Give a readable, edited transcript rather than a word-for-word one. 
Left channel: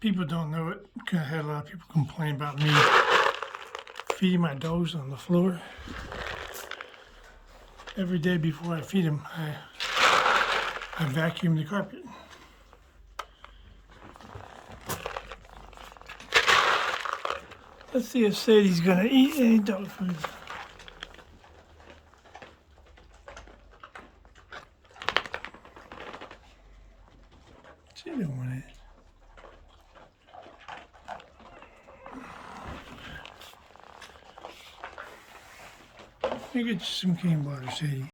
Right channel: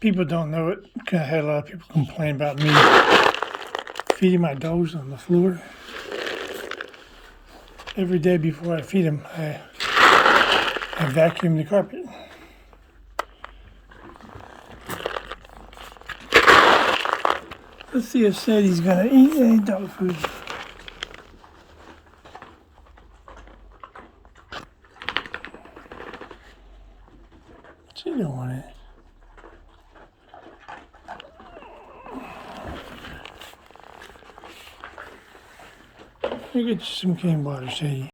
People don't know it. I had a lot of people complain about me feeding my dogs on the floor. Every day before I feed them, I vacuum the carpet. Let's see if Sadie's gonna eat any dog food. She don't want it. Let me get you some cane water, Sadie.